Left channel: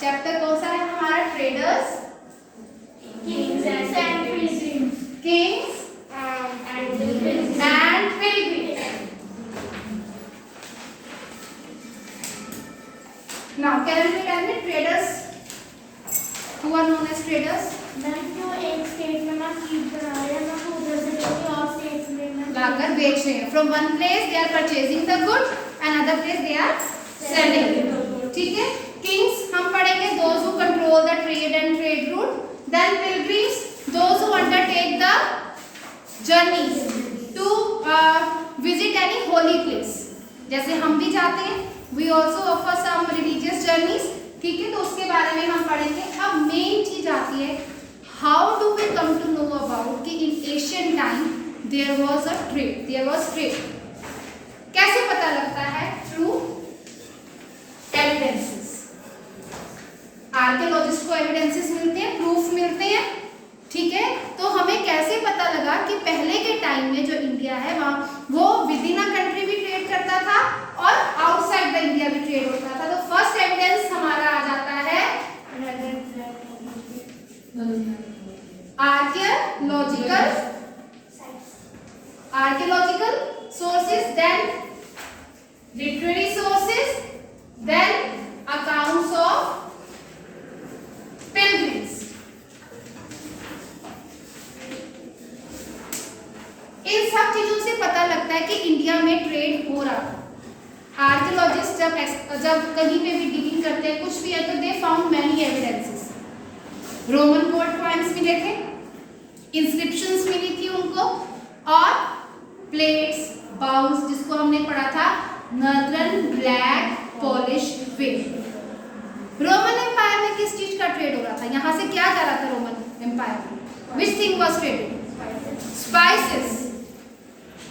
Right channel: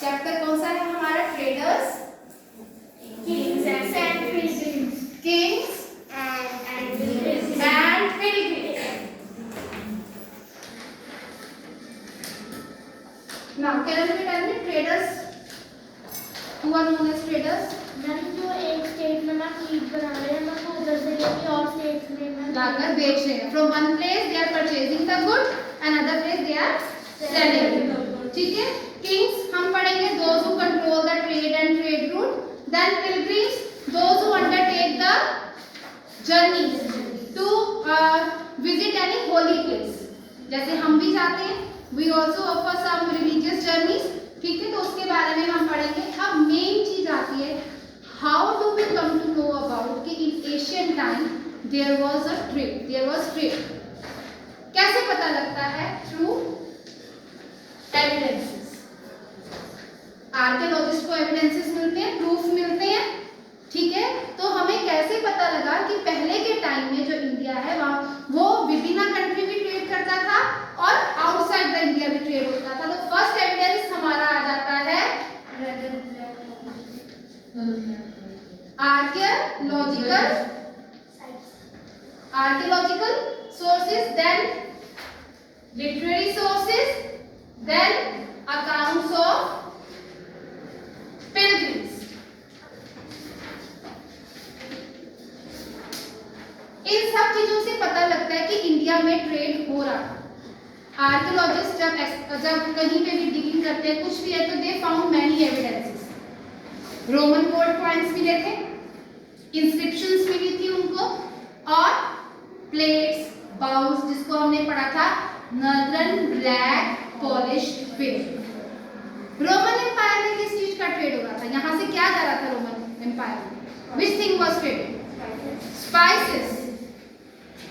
Chapter कौन सा है हमारा? Traders, Kings and pilgrims. Kings And pilgrims. And pilgrims. Now can we tell me traders, who are known as traders? Ma'am जो एक state में ना चीज बना रहे हैं ना वो उधर से लेके और स्टेट में लाकर बेच रहे हैं। From one place they are purchasing the good and other place they are selling. ठीक है। किंग्स हम पढ़ेंगे those who control the trade and trade route. Then pilgrims those who undertake the journeys to visit any holy place. जैसे हम भी जाते हैं, we also offer some religious journeys. ठीक है, तो उसके बारे में हम पढ़ेंगे। अब मेन चीज आती है, how do we come to know about कि in Asian time there was a trade, there was trade. कैसे पता लगता है? Through evidences. आर्कियोलॉजिस्ट को एविडेंसेस मिलते हैं, प्रूफ मिलते हैं। ठीक है, तो हमें कैसे पता लगा कि पहले के टाइम में जो इंडिया है वहाँ वो विद इन अ कंट्री भी ट्रेड करता था और आउटसाइड द इंडिया भी ट्रेड होता था। तो फर्स्ट एविडेंस हमारा आ जाता है archaeological sources, then literary sources, then accounts of pilgrims. इन सब चीजों से पता लगता है कि इंडिया में ट्रेड हो रहा था। आर्कियोलॉजिस्ट जब कहीं पे भी डिगिंग करते हैं, कुछ भी है, तो they found many evidences. Roman gold coins मिले थे, इंस्क्रिप्शंस मिली थी उनको, और प्लेट्स, बाउल्स, जिसको हमने पढ़ा था northern black polished ware. Roman empire में किस चीज का ट्रेड हो रहा था? यहाँ से क्या जा रहा था रोमन एम्पायर में? Which thing was traded? Spices.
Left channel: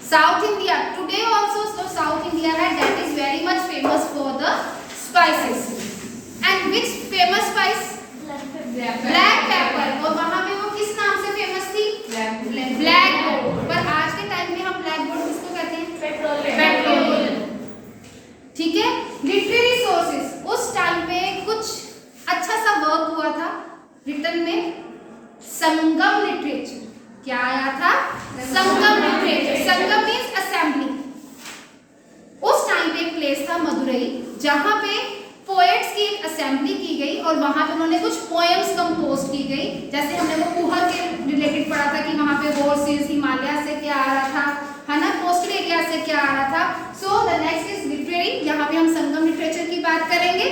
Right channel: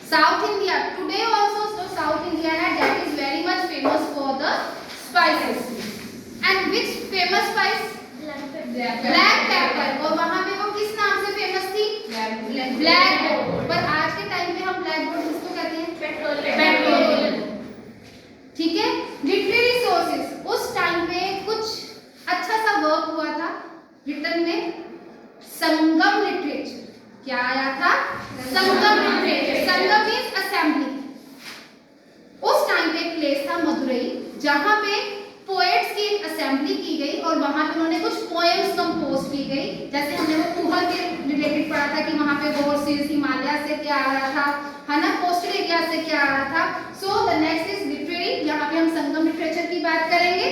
South India today also, so South India that is very much famous for the spices. And which famous spice? Black pepper. और वहाँ पे वो किस नाम से फेमस थी? Black gold. पर आज के टाइम में हम black gold किसको कहते हैं? पेट्रोलियम। ठीक है। लिटरेरी सोर्सेज, उस टाइम पे कुछ अच्छा सा वर्क हुआ था रिटर्न में, संगम लिटरेचर। क्या आया था? संगम लिटरेचर। संगम मीन्स असेंबली। उस टाइम पे एक प्लेस था मदुरई, जहां पे पोएट्स की एक असेंबली की गई और वहां पे उन्होंने कुछ पोएम्स कंपोज की गई। जैसे हमने वो कुहा के रिलेटेड पढ़ा था कि वहां पे हॉर्सेस हिमालय से क्या आ रहा था, है ना, कोस्टल एरिया से क्या आ रहा था। So the next is literary. यहाँ पे हम संगम लिटरेचर की बात करेंगे।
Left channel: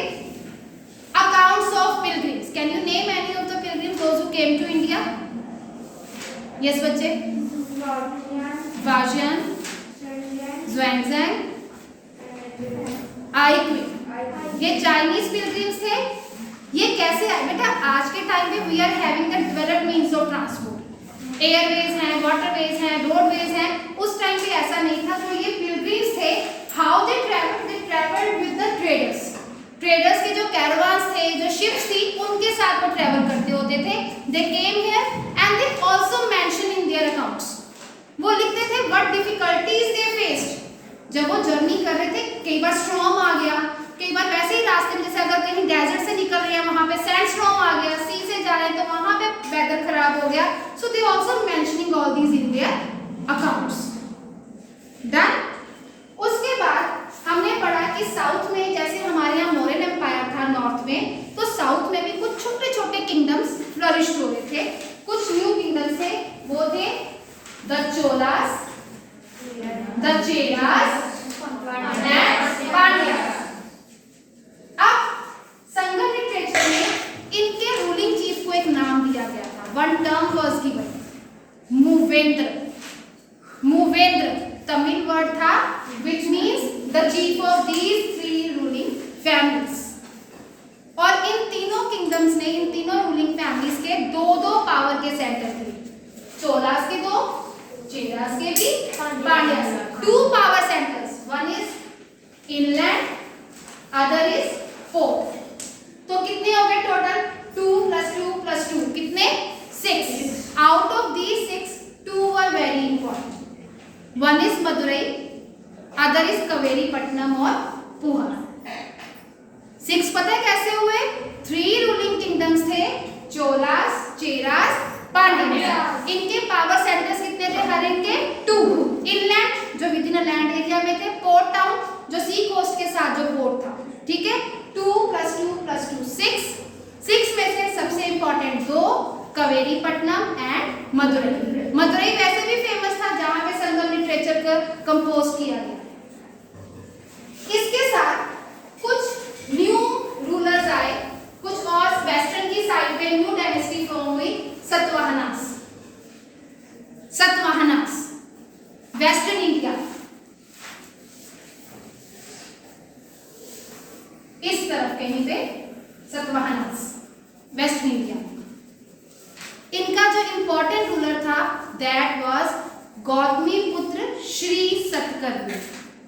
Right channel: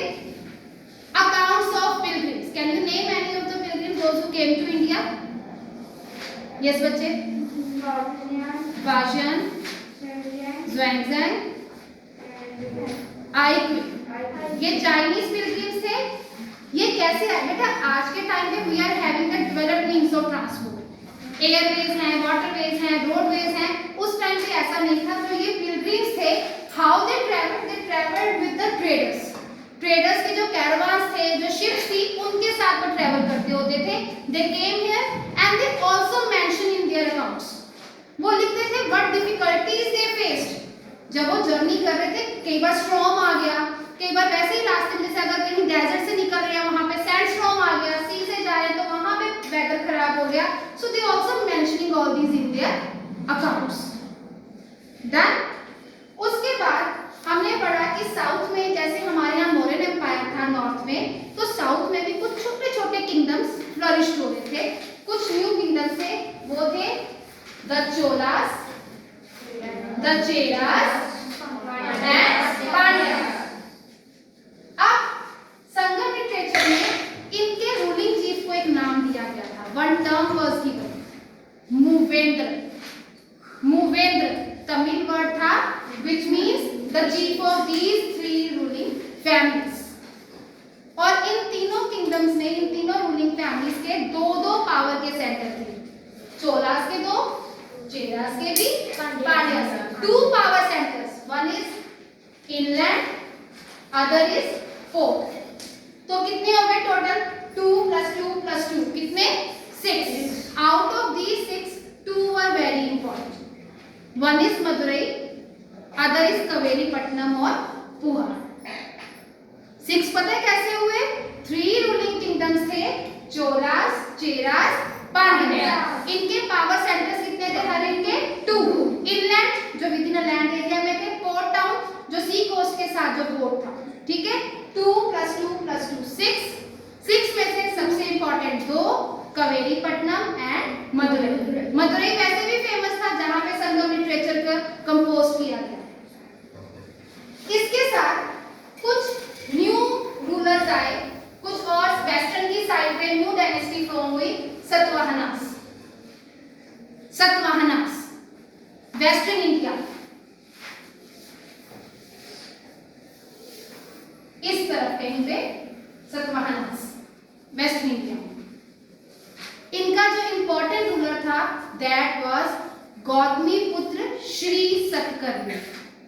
Accounts of pilgrims. Can you name any of the pilgrims those who came to India? Yes बच्चे। वाजियन, ज़ुएंज़ेंग, आइक्विन, ये चाइनीज पिलग्रिम्स थे। ये कैसे आए बेटा? आज के टाइम पे we are having the developed means of transport, airways हैं, वाटरवेज हैं, रोडवेज हैं। उस टाइम पे ऐसा नहीं था। तो ये पिलग्रिम्स थे, how they travelled with the traders. Traders के जो कैरावान्स थे, जो शिप्स थी, उनके साथ वो ट्रैवल करते होते थे। They came here and they also mention in their accounts. वो लिखते थे व्हाट डिफिकल्टीज दे फेस्ड। जब वो जर्नी कर रहे थे, कई बार स्टॉर्म आ गया, कई बार वैसे ही रास्ते में, जैसे अगर कहीं डेजर्ट से निकल रहे हैं, वहां पे सैंड स्टॉर्म आ गया, सी से जा रहे हैं तो वहां पे वेदर खराब हो गया। So they also mentioning all these in their accounts. Done. उसके बाद हमने पढ़ा कि साउथ में, जैसे हमारे यहाँ मौर्यन एम्पायर था नॉर्थ में, तो साउथ में भी कुछ छोटे छोटे किंगडम्स फ्लरिश हो रहे थे। कुछ न्यू किंगडम्स थे, वो थे the Cholas, the Cheras and Pandyas. अब संगम लिटरेचर में इनके रूलिंग चीफ को एक नाम दिया गया था। वन टर्म वाज गिवन, मूवेंद्र। मूवेंद्र तमिल वर्ड था which means the chief of these three ruling families। और इन तीनों किंगडम्स में, इन तीनों रूलिंग फैमिलीज के दो दो पावर के सेंटर थे। चोलास के दो, चेरास के भी, पांड्यास के। Two power centres, one is inland, other is port. तो कितने हो गए टोटल? 2 + 2 + 2 कितने? 6। Out of these 6, 2 are very important. One is Madurai, other is Kaveri Pattanam और पुहर। 6 पता है कैसे हुए? 3 500। इनके पावर सेंटर्स कितने थे हर इनके 2। इनलैंड जो विद इन लैंड एरिया में थे, पोर्ट टाउन जो सी कोस्ट के साथ जो पोर्ट था, ठीक है। 2 + 2 + 2 6 में से सबसे इंपॉर्टेंट 2 कवेरीपट्टनम एंड मदुरई। मदुरई वैसे भी फेमस था जहां पे संगम लिटरेचर का कंपोज किया गया। इसके साथ कुछ न्यू रूलर्स आए, कुछ और वेस्टर्न की साइड पे न्यू डायनेस्टी फॉर्म हुई, सतवाहनास। वेस्टर्न इंडिया, इस तरफ कहीं पे सतवाहनास, वेस्ट इंडिया। इनका जो इंपॉर्टेंट रूलर था दैट वाज गौतमी पुत्र श्री सतकर्णी,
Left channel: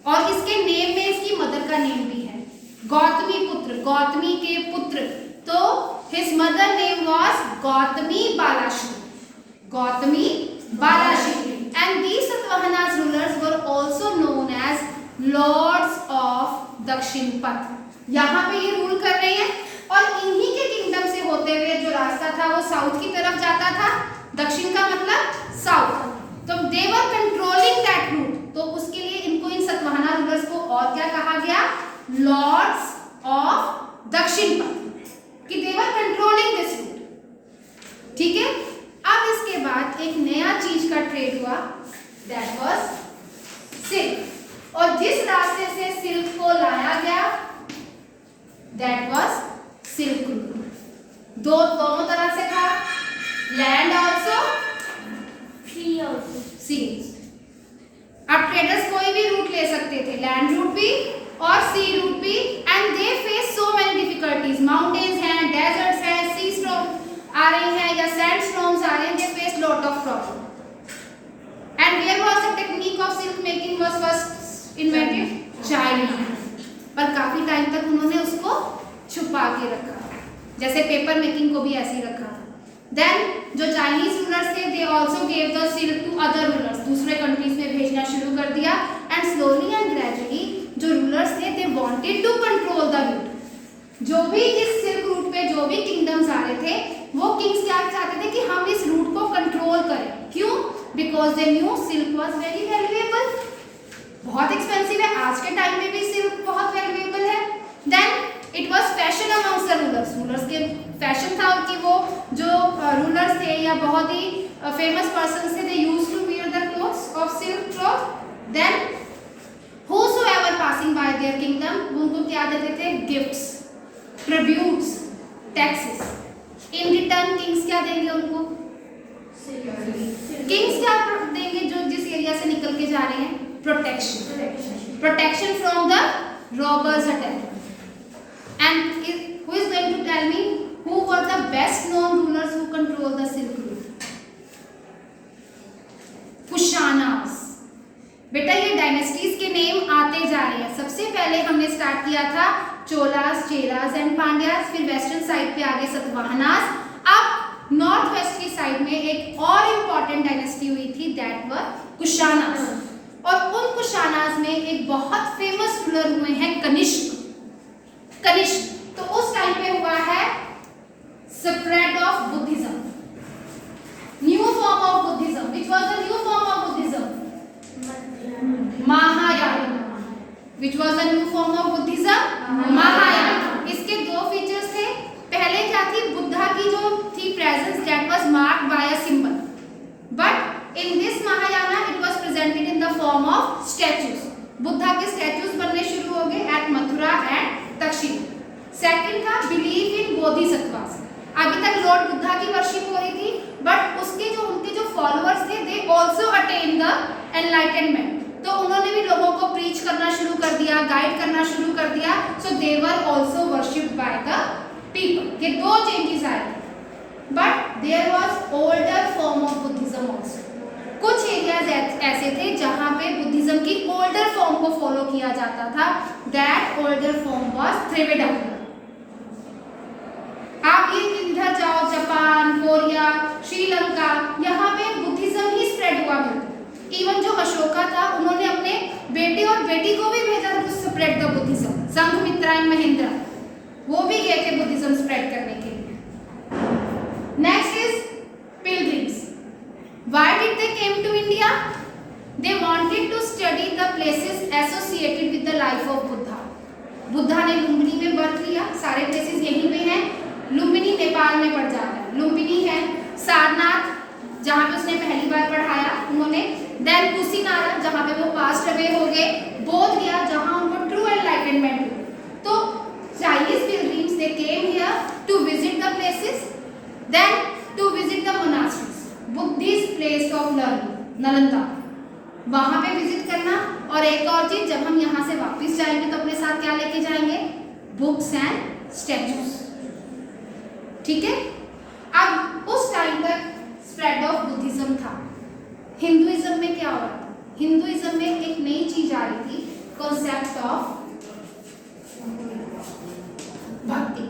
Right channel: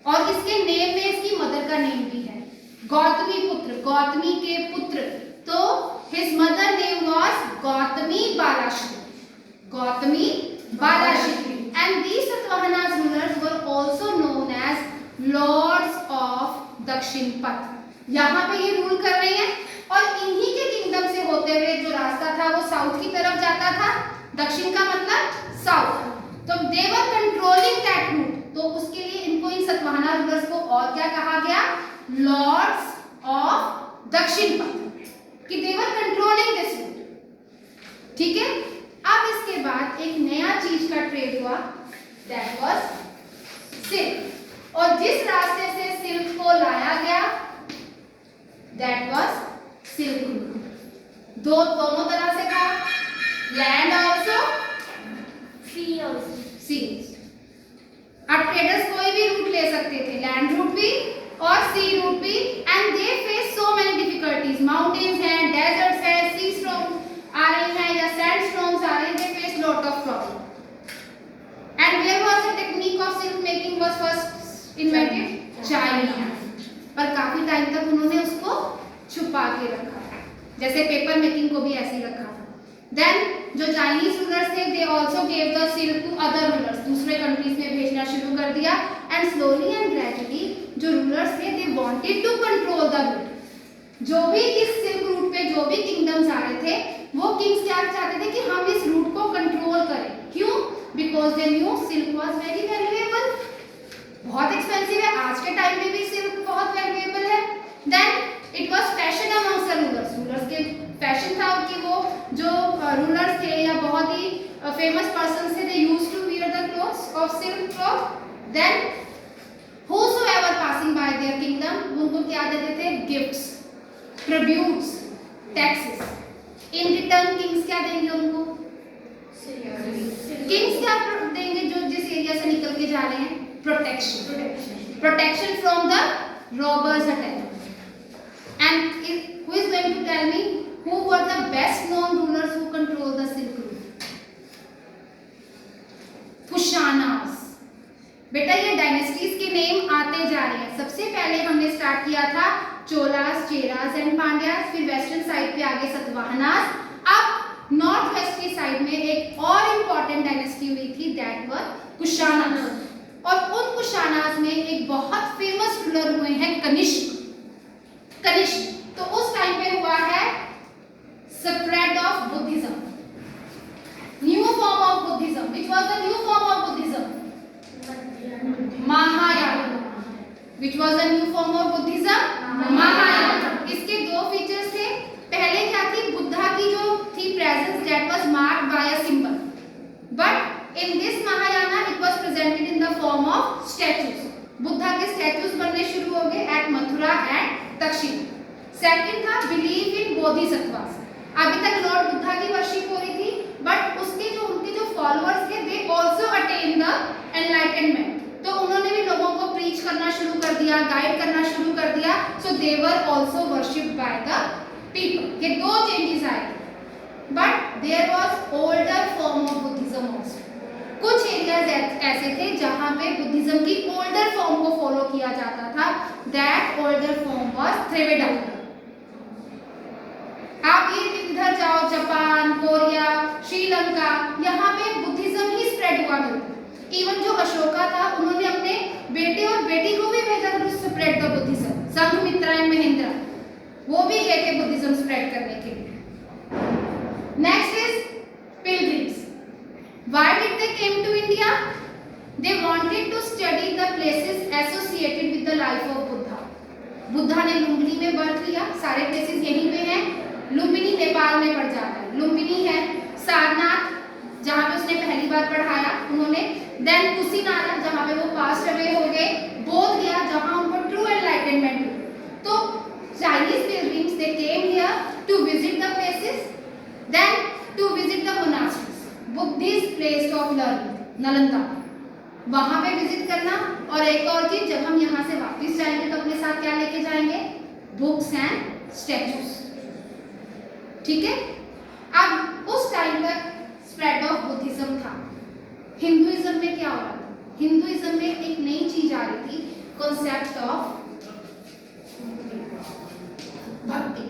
और इसके नेम में इसकी मदर का नेम भी है, गौतमी पुत्र, गौतमी के पुत्र। तो his mother name was Gautami Balashri. And these Satavahanas rulers were also known as lords of Dakshinapatha. यहाँ पे ये रूल कर रहे हैं और इन्हीं के किंगडम से होते हुए जो रास्ता था वो साउथ की तरफ जाता था, दक्षिण का मतलब साउथ। तो दे वर कंट्रोलिंग दैट रूट, तो उसके लिए इनको, इन सतवाहना रूलर्स को और क्या कहा गया, लॉर्ड्स ऑफ दक्षिणपथ, कि दे वर कंट्रोलिंग दिस रूट, ठीक है। अब इसके बाद एक नया चीज का ट्रेड हुआ, दैट वाज सिल्क, और जिस रास्ते से सिल्क को लाया गया दैट वाज सिल्क रूट। दोनों तरह से था, लैंड आल्सो, सी। अब ट्रेडर्स कोई भी रूट ले सकते थे, लैंड रूट भी और सी रूट भी, and they face so many difficulties. Mountains हैं, डेजर्ट्स हैं, सी स्टॉर्म आ रही हैं या सैंड स्टॉर्म्स आ रहे हैं, they face lot of problem. And here was the technique of silk making was first invented China, पर काफी टाइम तक उन्होंने उसको छुपा के रखा, जैसे पेपर मेकिंग को भी ऐसे ही रखा था। देन जो चाइनीज रूलर्स थे they also gave the silk to other rulers, दूसरे कंट्रीज में भेजना शुरू कर दिया। एंड स्लोली एंड ग्रेजुअली जो रूलर्स थे they wanted to control the route. जो भी इस सिल्क रूट पे जो भी किंगडम्स आ रहे थे, वो किंग्स क्या चाहते थे कि हम इस रूट को कंट्रोल करें। क्यों? Because they knew silk was very valuable, बहुत एक्सपेंसिव है, आज के टाइम में भी सिल्क बहुत वैल्यूएबल है। Then it was fashion amongst the rulers के फैशन था कि वो जो रूलर्स थे या बहुत ही फेमस पर्सन्स थे, they used to wear the clothes of silk cloth. Then whosoever passing by their kingdom, उनको क्या देते थे, gifts, tributes, taxes. In return kings क्या देंगे उनको, किंग्स क्या देंगे जो जिस एरिया से निकल के जा रहे हैं, protection from the robbers attack. And who is going to tell me who were the best known rulers who control the Silk Route? Kushanas. बेटा ये डायनेस्टीज के नेम आते जा रहे हैं। सबसे पहले हमने स्टार्ट किया था चोलास, चेरास एंड पांड्यास, फिर वेस्टर्न साइड पे आगे सतवाहनास। अब नॉर्थ वेस्ट की साइड में एक और इम्पॉर्टेंट डायनेस्टी हुई थी, दैट वर कुशानास। और उन कुशानास में एक बहुत फेमस रूलर हुए हैं कनिष्क। तो उस टाइम पे हुआ है spread of Buddhism, new form of Buddhism. Which was the new form of Buddhism? Mahayana. Which was the new form of Buddhism? Mahayana. इसके दो फीचर्स थे। पहले क्या थी, बुद्धा की जो थी presence, that was marked by a symbol, but in this Mahayana it was presented in the form of statues. Buddha के स्टैच्यूज बनने शुरू हो गए एट मथुरा एंड दक्षिण। सेकंड था बिलीव इन बोधिसत्वास। अभी तक लॉर्ड बुद्धा की वर्शिप हो रही थी, बट उसके जो उनके जो फॉलोअर्स थे they also attain the enlightenment. तो उन्होंने भी लोगों को प्रीच करना शुरू कर दिया, गाइड करना शुरू कर दिया। So they were also worshipped by the people. ये दो चेंजेस आए, but there was older form of Buddhism also. कुछ एरियाज ऐसे थे जहां पे बुद्धिज्म की ओल्डर फॉर्म को फॉलो किया जाता था, दैट ओल्डर फॉर्म वाज त्रिवेदा। आप ये इधर जाओ, जापान, कोरिया, श्रीलंका, यहाँ पे बुद्धिज्म ही स्प्रेड हुआ मिलता। इवन जो अशोका था, उन्होंने अपने बेटे और बेटी को भी भेजा था to spread the Buddhism. Sanghamitra and Mahendra, वो भी गए थे बुद्धिज्म स्प्रेड करने के लिए। Next is pilgrim. किया? They wanted to study the places associated with the life of Buddha. Buddha ने लुम्बिनी में बर्थ लिया, सारे प्लेसेस यहीं पे हैं। लुम्बिनी नेपाल में पड़ जाता है, लुम्बिनी है। सारनाथ जहाँ पे उसने पहली बार पढ़ाया उन्होंने, देन कुशीनारा जहाँ पे वो पास्ट अवे हो गए, बोध गया जहाँ उनको ट्रू एनलाइटनमेंट हुई। तो Chinese pilgrims they came here to visit the places, then to visit the monasteries, Buddhist place of learning, Nalanda, वहां पे विजिट करना। और एक और चीज, जब हम यहाँ से वापस जाएंगे तो अपने साथ क्या लेके जाएंगे? Books and statues. ठीक है। अब उस टाइम तक स्प्रेड ऑफ बुद्धिज्म था। हिंदुइज्म में क्या हो रहा था? हिंदुइज्म में एक नई चीज आ रही थी, कॉन्सेप्ट ऑफ भक्ति।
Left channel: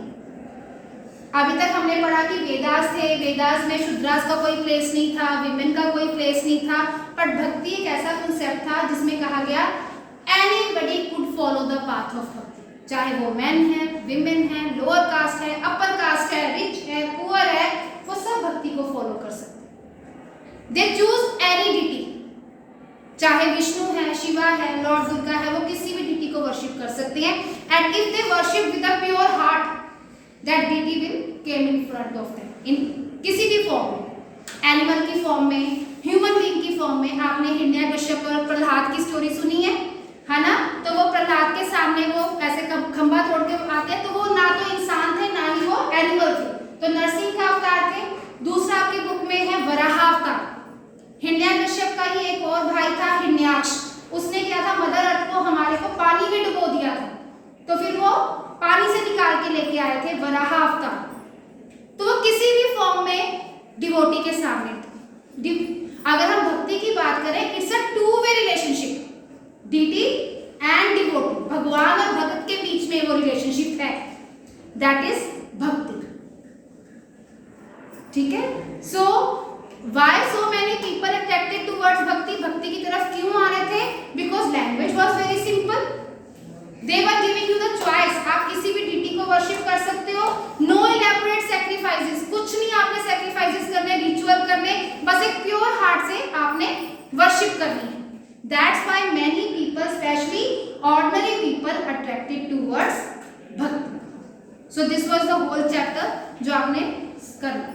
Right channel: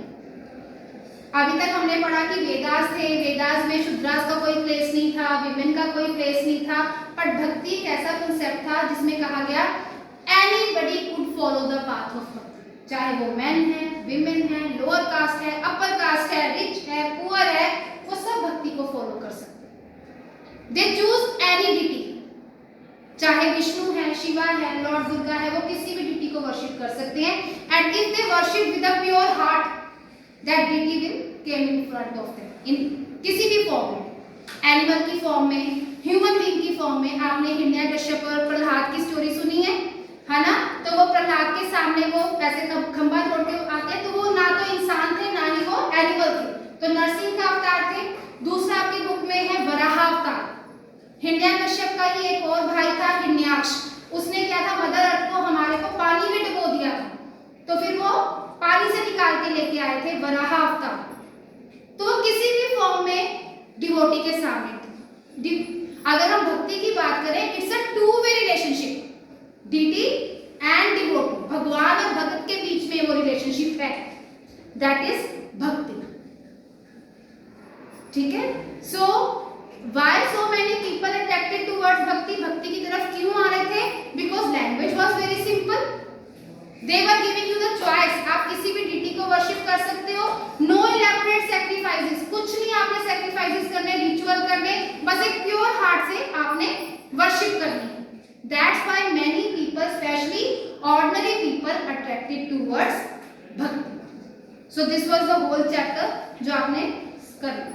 अभी तक हमने पढ़ा कि वेदास थे, वेदास में शूद्रास का कोई प्लेस नहीं था, विमेन का कोई प्लेस नहीं था, पर भक्ति एक ऐसा कॉन्सेप्ट था जिसमें कहा गया anybody could follow the path of भक्ति, चाहे वो मैन है, विमेन है, लोअर कास्ट है, अपर कास्ट है, रिच है, पुअर है, वो सब भक्ति को फॉलो कर सकते हैं। दे चूज एनी डिटी, चाहे विष्णु है, शिवा है, लॉर्ड दुर्गा है, वो किसी भी डिटी को वर्शिप कर सकते हैं। And if they worship with a pure heart, that deity will came in front of them, in किसी भी फॉर्म में, एनिमल की फॉर्म में, ह्यूमन बीइंग की फॉर्म में। आपने हिरण्यकश्यप और प्रहलाद की स्टोरी सुनी है ना? तो वो प्रहलाद के सामने वो ऐसे खंभा तोड़ के आते हैं, तो वो ना तो इंसान थे ना ही वो एनिमल थे, तो नरसिंह का अवतार थे। दूसरा आपकी बुक में है वराह अवतार। हिरण्यकश्यप का ही एक और भाई था हिरण्याक्ष, उसने क्या था, मदर अर्थ को, हमारे को पानी में डुबो दिया था, तो फिर वो पानी से निकाल के लेके आए थे, वराह अवतार। तो वो किसी भी फॉर्म में डिवोटी के सामने थे। अगर हम भक्ति की बात करें, it's a two way relationship, deity and devotee, भगवान और भक्त के बीच में वो रिलेशनशिप है, दैट इज भक्ति। ठीक है। So why so many people attracted towards भक्ति? भक्ति की तरफ क्यों आ रहे थे? Because language was very simple, they were giving you the choice, आप किसी भी डिटी को वर्शिप कर सकते हो, नो इलैबोरेट सैक्रिफाइसेस, कुछ नहीं आपने सैक्रिफाइसेस करने, रिचुअल करने, बस एक प्योर हार्ट से आपने वर्शिप करनी है। That's why many people, specially ordinary people, attracted towards bhakti. So this was the whole chapter जो आपने करना।